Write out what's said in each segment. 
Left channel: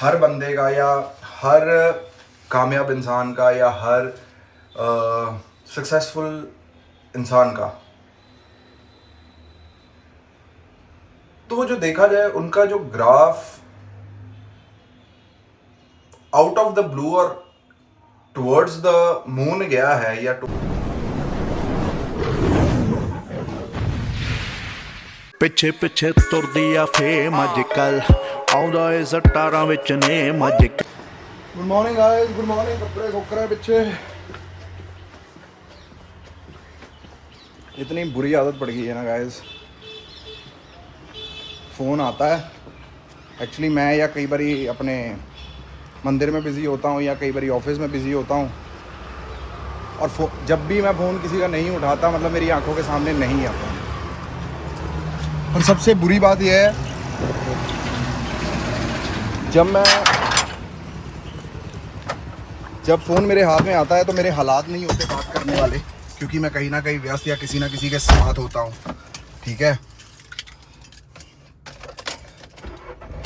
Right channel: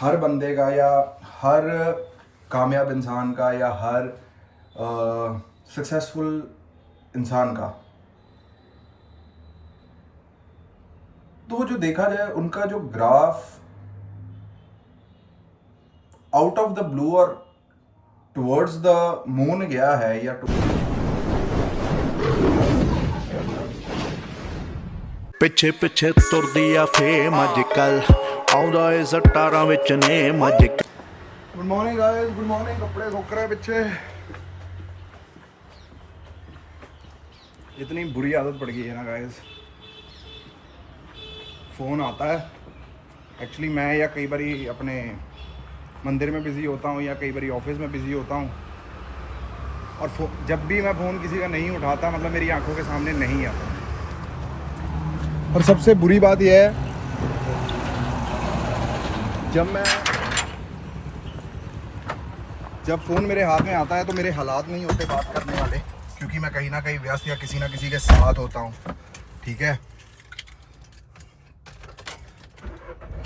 हर बंदे का या हर कामयाब इंसान का या हर सक्सेसफुल इंसान का, तो जो देखा जाए उनका जो graph out of the blue और टुवर्ड्स द मून गया है या ਪਿੱਛੇ ਪਿੱਛੇ ਤੁਰਦੀ ਆ ਫੇਮ ਅੱਜ ਕੱਲ ਆਉਂਦਾ ਏ ਸਟਾਰਾਂ ਵਿੱਚ ਨੇਮ ਅੱਜ good morning guys, good morning. कपड़े सूख रहे पीछे। इतनी बुरी आदत पड़ गई है ना गाइस, फ़ोन आता है एक्चुअली मैं या कई बार अपने मंदिर में बिज़ी होता हूँ या कई बार ऑफिस में बिज़ी होता हूँ, और जब भी मैं फ़ोन किसी का नहीं उठाता मतलब मेरी आंखों के सामने नहीं आता। और सबसे बुरी बात यह है, जब फ़ोन मेरे हाथ में आता है तो मेरे हालात नहीं होते बात करने वाले, क्योंकि मैं कहीं ना कहीं व्यस्त या किसी ना किसी के साथ होता हूँ। ठीक है,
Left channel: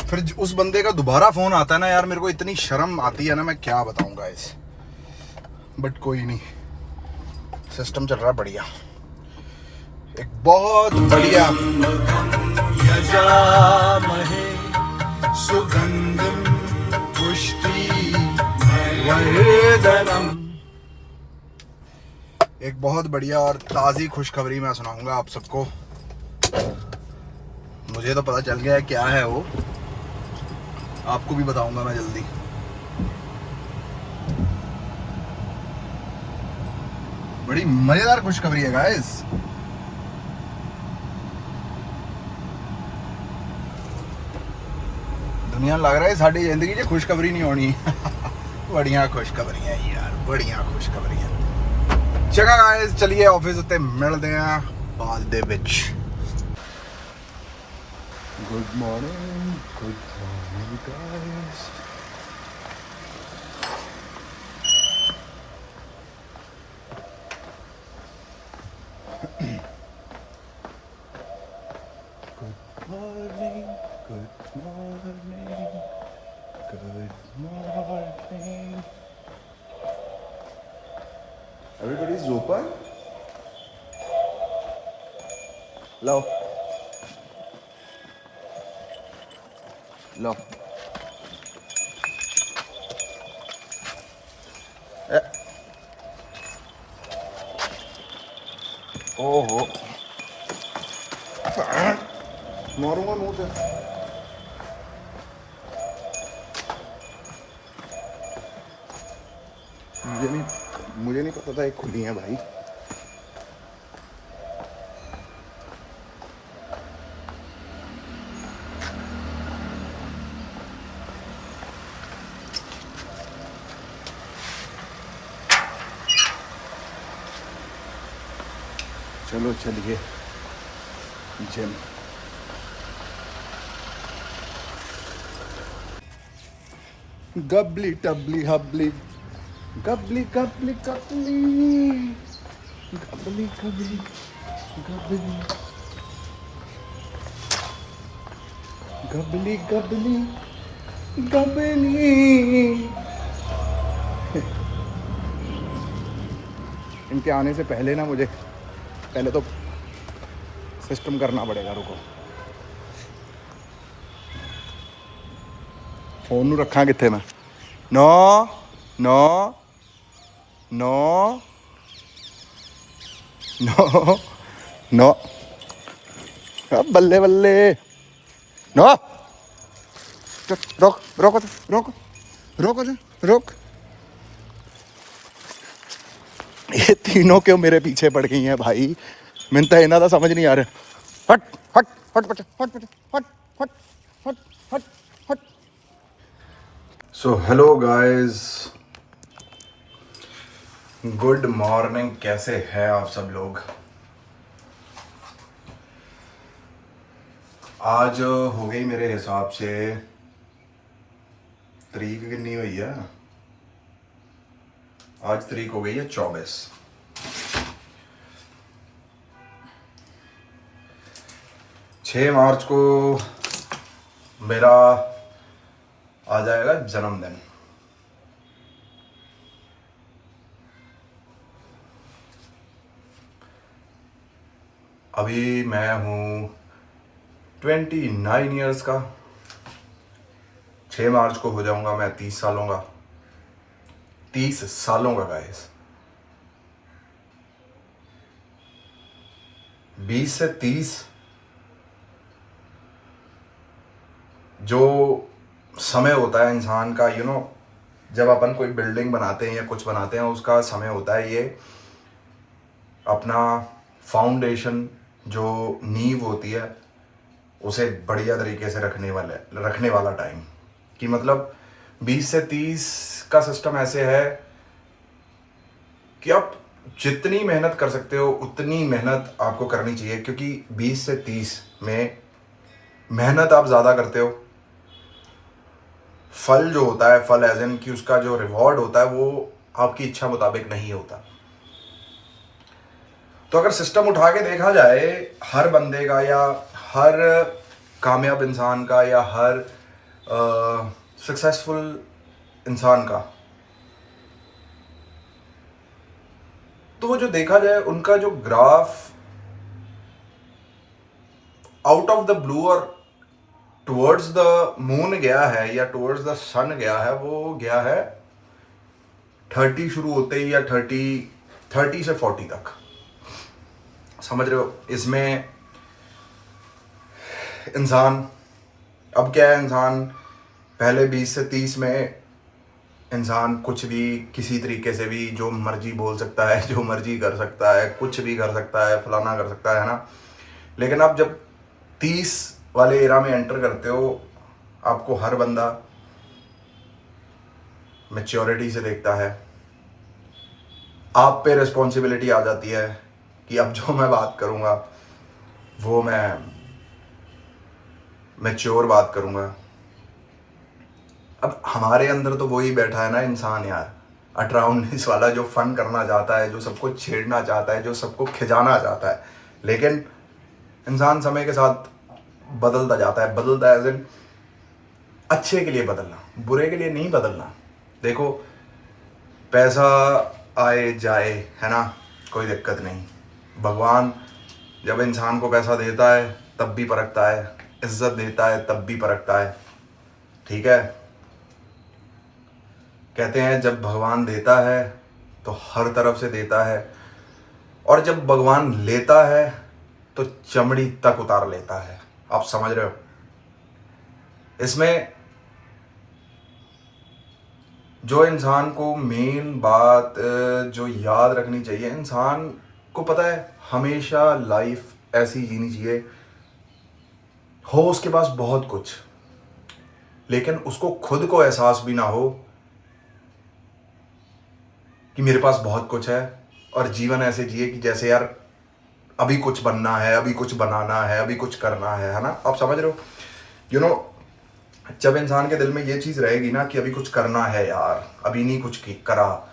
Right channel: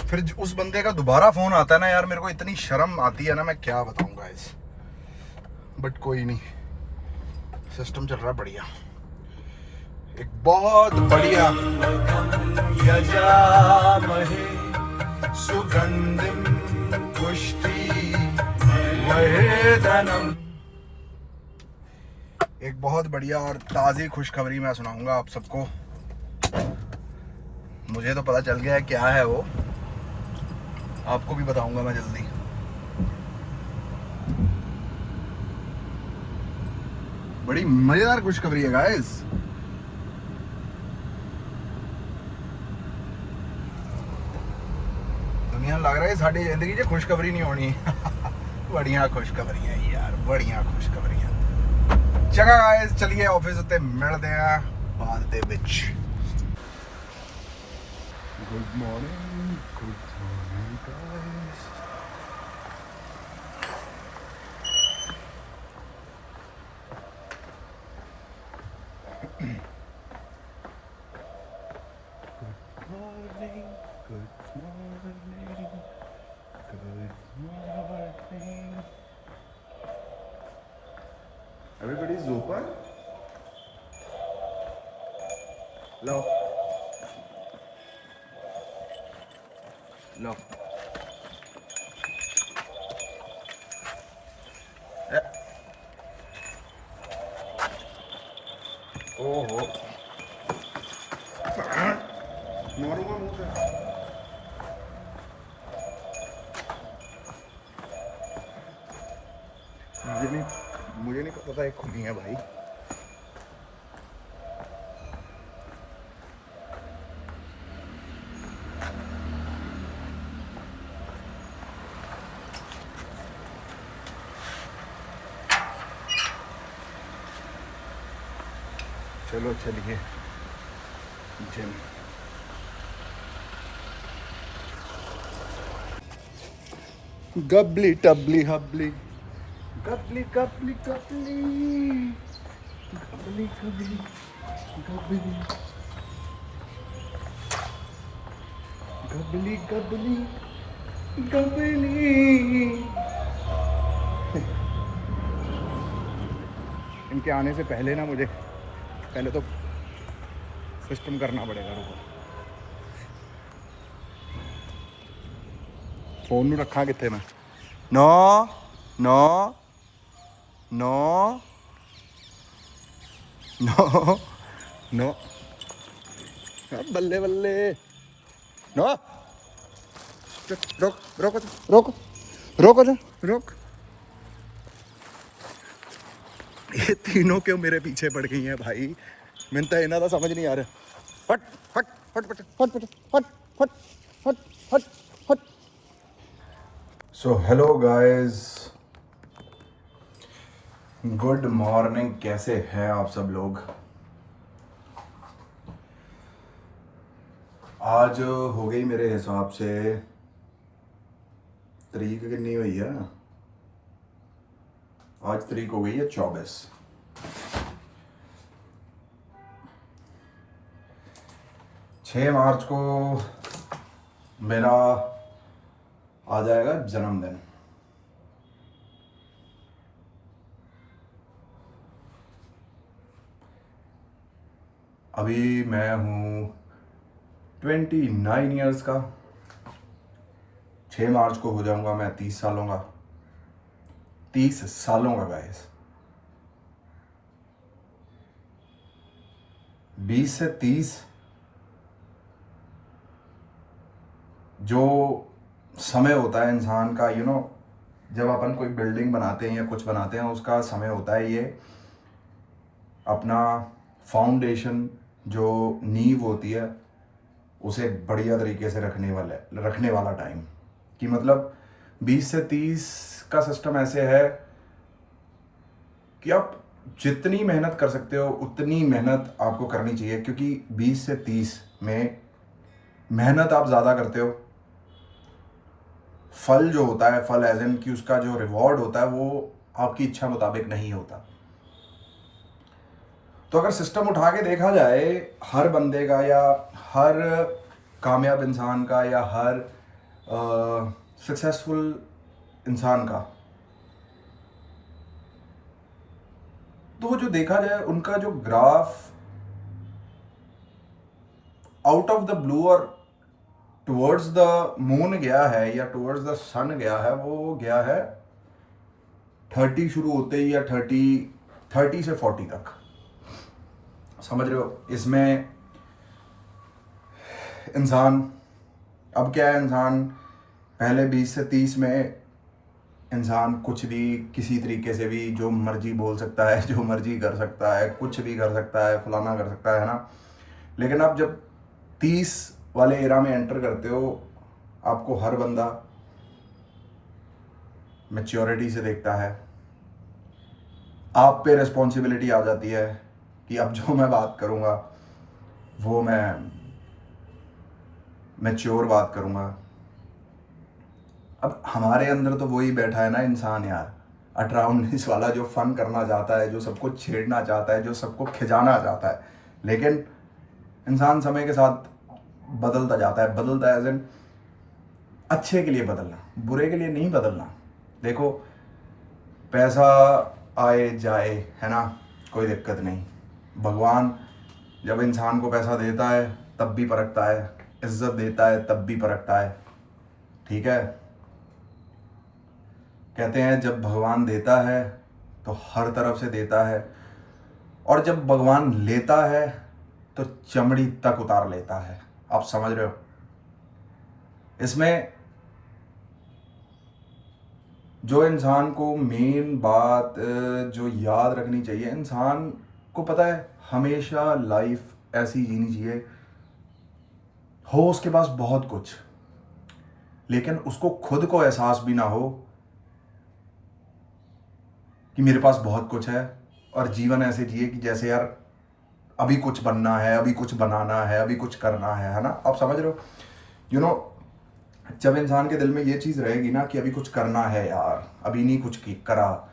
फिर उस बंदे का दोबारा फ़ोन आता है ना यार, मेरे को इतनी शर्म आती है ना, मैं क्या बताऊँगा इस। बट कोई नहीं, सिस्टम चल रहा है बढ़िया, एक बहुत बढ़िया यजामहे सुगंधिम पुष्टि वर्धनम। एक बहुत बढ़िया और ताज़ी खुशखबरी मैं सुनाऊंगा आप सबको। मुझे तो पता चल गया है क्या है वो, आपको भी बताऊंगा मैं जल्दी। बड़ी मजेदार खुशखबरी है गाइस। दुनिया लग रहा है साड़ी जिंदगी च खुशखबरी नहीं होनी। बड़िया खुशखबरियां यार, बड़िया खुशखबरियां। चंगा गाइस, चलिए ऑफिस उत्ते मिलते हैं बाल दे विच। Good morning guys. Good morning, good morning. Everybody's open? Hello? Hello? ओहो, मारूंगा मुंह से। मुझे नहीं पता था एक खुली है भाई। चलो चलिए जिम। गबली टबली हबली, गबली गबली गबली, गबली गबली गबली, गबली गबली गबली। इनके आने से पहले ना मुझे पहले तो सिस्टम करना पड़ेगा। रुको, फोन नू रखा कित्थे मैं? No no no no no, बल्ले बल्ले नो। रोक रोक रोक रोक रोक। ये तीनों क्यों मेरे पीछे पड़ गई हैं भाई? मैंने तो इन्हें समझ नहीं आ रहा। हट हट हट हट हट हट हट हट हट हट। So hello guys, good morning. कैसे हैं आप सब लोग? आज हो गई मेरे हिसाब से तरीक कितनी हुई है? आज तरीक हो गई है 24। 6 मार्च को मेरा आ जाएगा जन्मदिन। अभी मैं हूँ 29 ईयर्स का, 6 मार्च को हो जाऊंगा मैं 30 सालों का। 30 सालों का गाइस। 20 से 30 जो समय होता है इंसान का, जब अपन कोई बिल्डिंग बनाते हैं या कुछ बनाते हैं, उसका समय होता है ये अपना फाउंडेशन, जो नींव होती है उसे बढ़िया तरीके से रखने वाला टाइम। कि मतलब 20 से 30 का सिस्टम ऐसे है कि आप जितनी मेहनत कर सकते हो उतनी मेहनत आपको करनी चाहिए, क्योंकि 20 से 30 में मेहनत आप ज़्यादा करते हो, फल जो होता है, फल एज इन कि उसका जो रिवॉर्ड होता है वो आपकी इच्छा मुताबिक नहीं होता। तो अगर सिस्टम उठा के देखा जाए हर बंदे का, या हर कामयाब इंसान का, या हर सक्सेसफुल इंसान का, तो वो जो देखा जाए उनका जो graph out of the blue और टुवर्ड्स द मून गया है या टुवर्ड्स द सन गया है, वो गया है 30 शुरू होते ही, या 30 से 40 तक। समझ रहे हो? इसमें इंसान, अब क्या है, इंसान पहले 20 से 30 में इंसान कुछ भी, किसी तरीके से भी जो मर्जी बोल सकता है, जो मर्जी कर सकता है, कुछ भी कर सकता है, फलाना कर सकता है ना। लेकिन आप जब 30 वाले एरा में एंटर करते हो, आपको हर बंदा मैच्योरिटी से देखता है, आप पे रिस्पॉन्सिबिलिटी आ जाती है कि अब जो मैं बात करूँगा वो मैं मैच्योर बात करूँगा। अब हमारे अंदर तो वही बैठा है ना इंसान यार, 18-19 वाला, जो फन करना चाहता है, जो सबको छेड़ना चाहता है, जो सबको खिजाना चाहता है। लेकिन इंसान समय के साथ बदलता जाता है, बदलता है एज इन अच्छे के लिए बदलना, बुरे के लिए नहीं बदलना। देखो, पैसा आए जाए है ना, कोई दिक्कत नहीं। भगवान जब इंसान को पैसा देता है तब भी परखता है, इज्जत देता है तब भी परखता है, ठीक है। कहते हैं जब भगवान देता है तो हर तरफ से देता है, और जब भगवान लेता है तो चमड़ी तक उतार लेता है। आप समझ रहे हो? इसमें जो इंसान को मेन बात जो याद रखनी चाहिए, इंसान को पता है हमेशा लाइफ ऐसी जीनी चाहिए, हो उसके पास बहुत कुछ, लेकिन उसको खुद को एहसास भी ना हो कि मेरे पास बहुत कुछ है, और जीवन ऐसे जिए कि जैसे यार अभी कुछ बनना है, अभी कुछ बनाना है, अभी कुछ करना है ना। आप समझ रहे हो? जब इंसान के दिल में ये चीज़ रहेगी ना कि अभी कुछ करना है यार, अभी नहीं कुछ करा,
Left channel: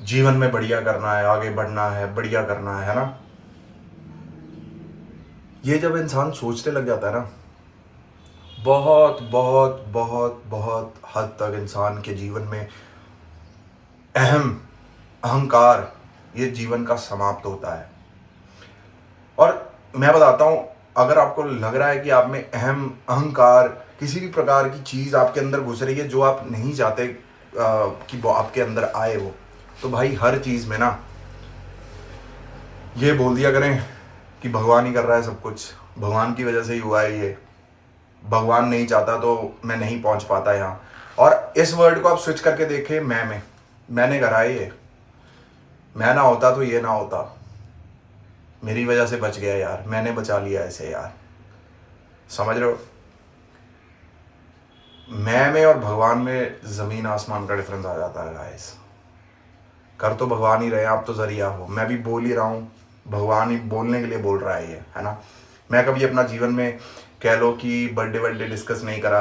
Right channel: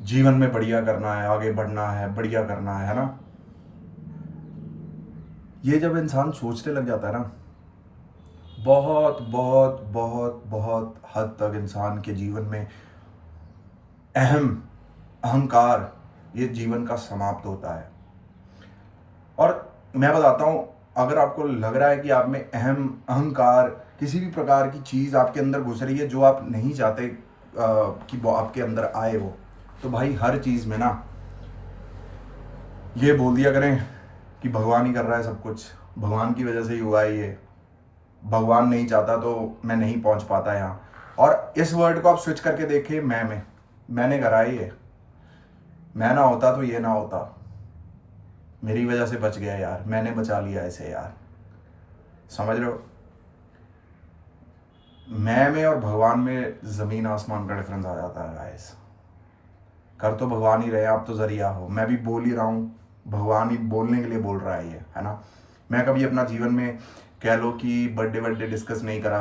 जीवन में बढ़िया करना है, आगे बढ़ना है, बढ़िया करना है ना, ये जब इंसान सोचने लग जाता है ना, बहुत बहुत बहुत बहुत हद तक इंसान के जीवन में अहंकार, ये जीवन का समाप्त होता है। और मैं बताता हूँ, अगर आपको लग रहा है कि आप में अहंकार, किसी भी प्रकार की चीज़ आपके अंदर घुस रही है जो आप नहीं चाहते कि वो आपके अंदर आए हो, तो भाई हर चीज़ में ना ये बोल दिया करें कि भगवान ही कर रहा है सब कुछ, भगवान की वजह से ही हुआ है ये, भगवान नहीं चाहता तो मैं नहीं पहुंच पाता यहाँ। और इस वर्ड को आप स्विच करके देखें, मैंने करा है ये, मैं ना होता तो ये ना होता, मेरी वजह से बच गया यार, मैंने बचा लिया ऐसे यार। समझ रहे हो? मैं में और भगवान में ज़मीन आसमान का डिफरेंस आ जाता है गाइस। कर तो भगवान ही रहे, आप तो जरिया हो। मैं भी बोल ही रहा हूँ, भगवान ही बोलने के लिए बोल रहा है ये, है ना। मैं कभी अपना जीवन में कह लो कि बर्थडे डिस्कस नहीं करा,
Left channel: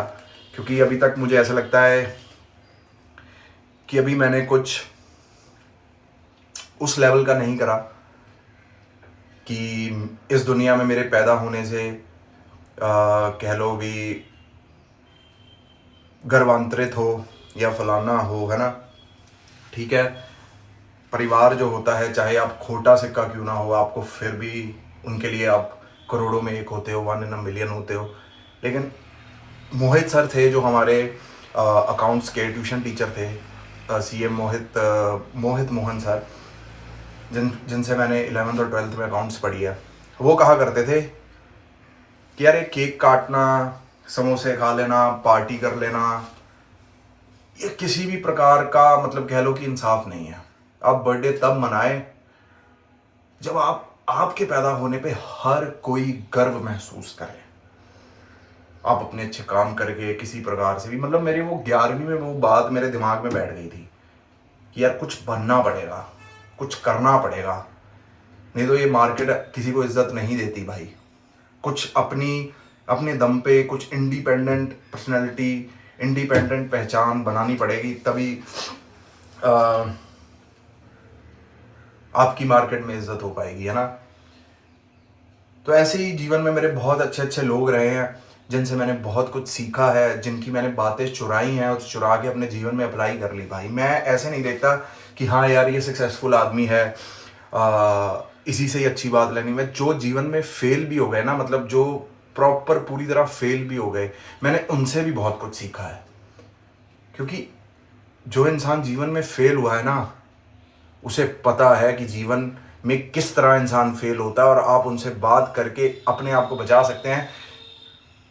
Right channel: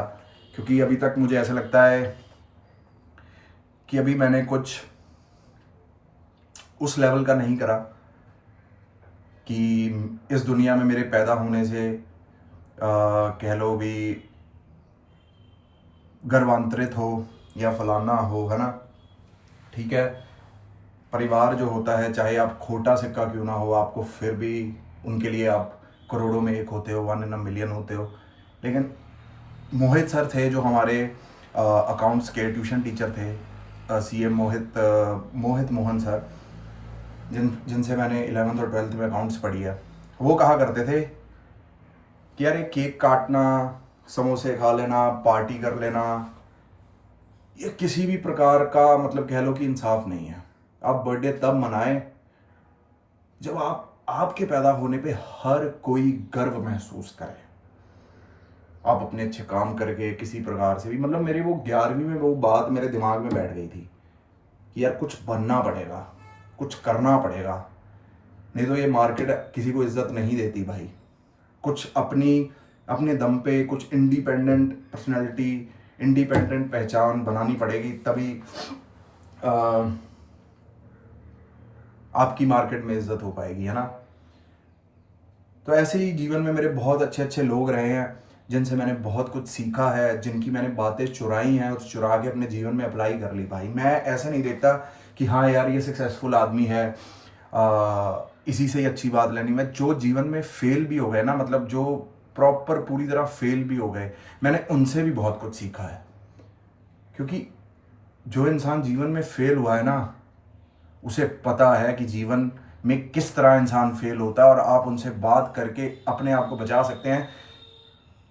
क्योंकि अभी तक मुझे ऐसा लगता है कि अभी मैंने कुछ उस लेवल का नहीं करा कि इस दुनिया में मेरे पैदा होने से कह लो भी गर्भांतरित हो या फलाना हो, है ना, ठीक है, परिवार जो होता है, चाहे आप खोटा सिक्का क्यों ना हो, आपको फिर भी उनके लिए आप करोड़ों में एक होते हो, 1 in a million होते हो। लेकिन मोहित सर थे जो हमारे अकाउंट्स के ट्यूशन टीचर थे, CA मोहित मोहन सर, जिनसे मैंने 11th और 12th में अकाउंट्स पढ़ी है। वो कहा करते थे कि यार ये केक काटना, समोसे खा लेना, पार्टी कर लेना, ये किसी भी प्रकार का मतलब कह लो कि इंसाफ नहीं है। आप बर्थडे तब मनाएं जब आपके पैदा होने पे हर कोई गर्व महसूस करे। आप अपने अच्छे काम करके किसी प्रकार से भी, मतलब मेरी वो 11वीं में वो बात मेरे दिमाग में बैठ गई थी कि यार कुछ बनना पड़ेगा, कुछ करना पड़ेगा, नहीं तो ये मार्केट किसी को इज्जत नहीं देती भाई। कुछ अपने दम पे कुछ इंडिपेंडेंट पर्सनैलिटी, इंडिपेंडेंट पहचान बनानी पड़ेगी, तभी आपकी मार्केट में इज्जत हो पाएगी, है ना। तो ऐसे ही जीवन में मेरे बहुत अच्छे अच्छे लोग रहे हैं जिनसे मैंने बहुत कुछ सीखा है, जिनकी मैंने बातें चुराई हैं और चुरा के अपने जीवन में अप्लाई कर ली भाई। मैं ऐसे नहीं देखता कि हाँ यार ये सक्सेसफुल आदमी है, इसी से ही अच्छी बात लेनी। मैं जो जीवन में फेल भी हो गए ना, मतलब जो प्रॉपर पूरी तरह फेल भी हो गए, मैंने उनसे भी बहुत कुछ सीखा है। क्योंकि जो इंसान जीवन में फेल हुआ है ना, उसे पता है कि जीवन में किस तरह इंसान फेल होता है, और आप उनसे बात करके अपने आप को बचा सकते हैं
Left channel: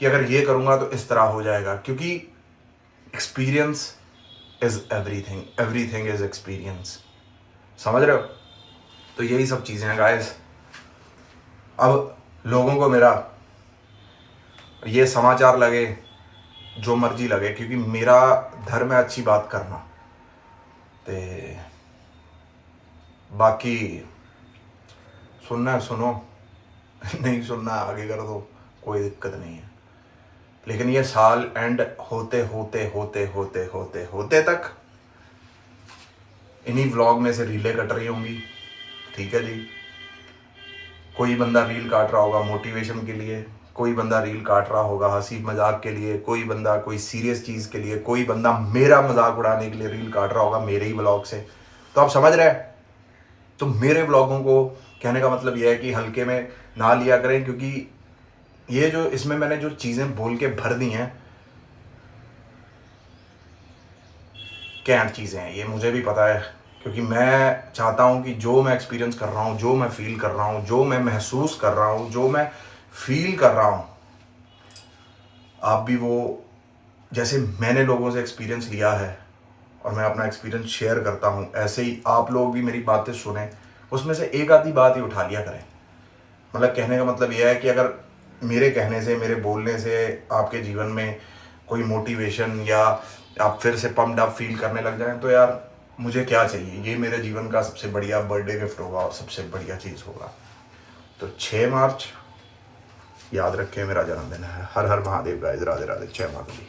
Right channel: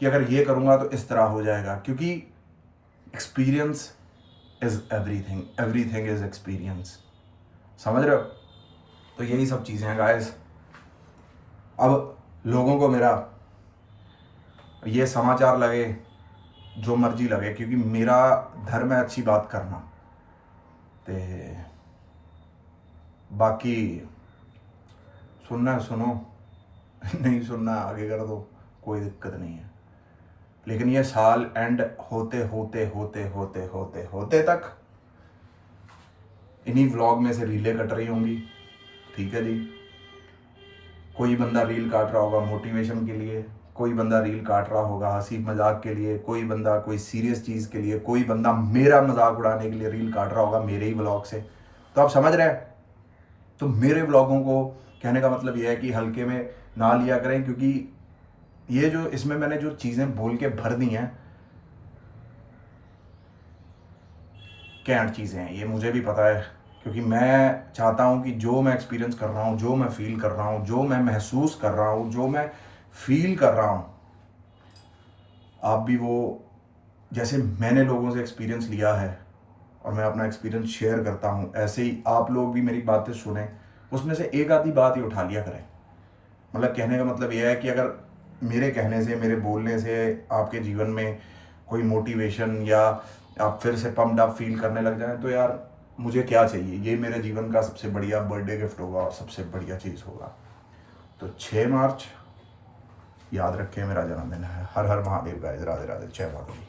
कि अगर ये करूँगा तो इस तरह हो जाएगा। क्योंकि experience is everything, everything is experience, समझ रहे हो। तो यही सब चीज़ें हैं गाइस। अब लोगों को मेरा ये समाचार लगे, जो मर्जी लगे, क्योंकि मेरा धर्म है अच्छी बात करना। ते बाकी सुनना है सुनो, नहीं सुनना आगे कर दो, कोई दिक्कत नहीं है। लेकिन ये साल एंड होते होते होते होते होते होते तक इन्हीं व्लॉग में से रीलें कट रही होंगी, ठीक है जी। कोई बंदा रील काट रहा होगा मोटिवेशन के लिए, कोई बंदा रील काट रहा होगा हंसी मजाक के लिए, कोई बंदा कोई सीरियस चीज़ के लिए, कोई बंदा मेरा मजाक उड़ाने के लिए रील काट रहा होगा मेरे ही व्लॉग से। तो आप समझ रहे हैं। तो मेरे व्लॉगों को कहने का मतलब यह है कि हल्के में ना लिया करें, क्योंकि ये जो इसमें मैंने जो चीज़ें बोल के भर दी हैं, कैंट चीज़ें हैं, ये मुझे भी पता है। क्योंकि मैं चाहता हूँ कि जो मैं एक्सपीरियंस कर रहा हूँ, जो मैं फील कर रहा हूँ, जो मैं महसूस कर रहा हूँ, जो मैं फील कर रहा हूँ, आप भी वो जैसे मैंने लोगों से एक्सपीरियंस लिया है और मैं अपना एक्सपीरियंस शेयर करता हूँ, ऐसे ही आप लोग भी मेरी बातें सुने, उसमें से एक आधी बात ही उठा लिया करें। मतलब कहने का मतलब यह है कि अगर मेरे कहने से, मेरे बोलने से आपके जीवन में कोई मोटिवेशन या आप फिर से पम्प्ड अप फील करने लग जाएं, तो यार मुझे क्या चाहिए। ये मेरे जीवन का सबसे बढ़िया बर्थडे गिफ्ट होगा और सबसे बढ़िया चीज़ होगा। तो 6 मार्च याद रखें, मेरा जन्मदिन है। हर हर महादेव गाइस, राधे राधे, जय माता दी।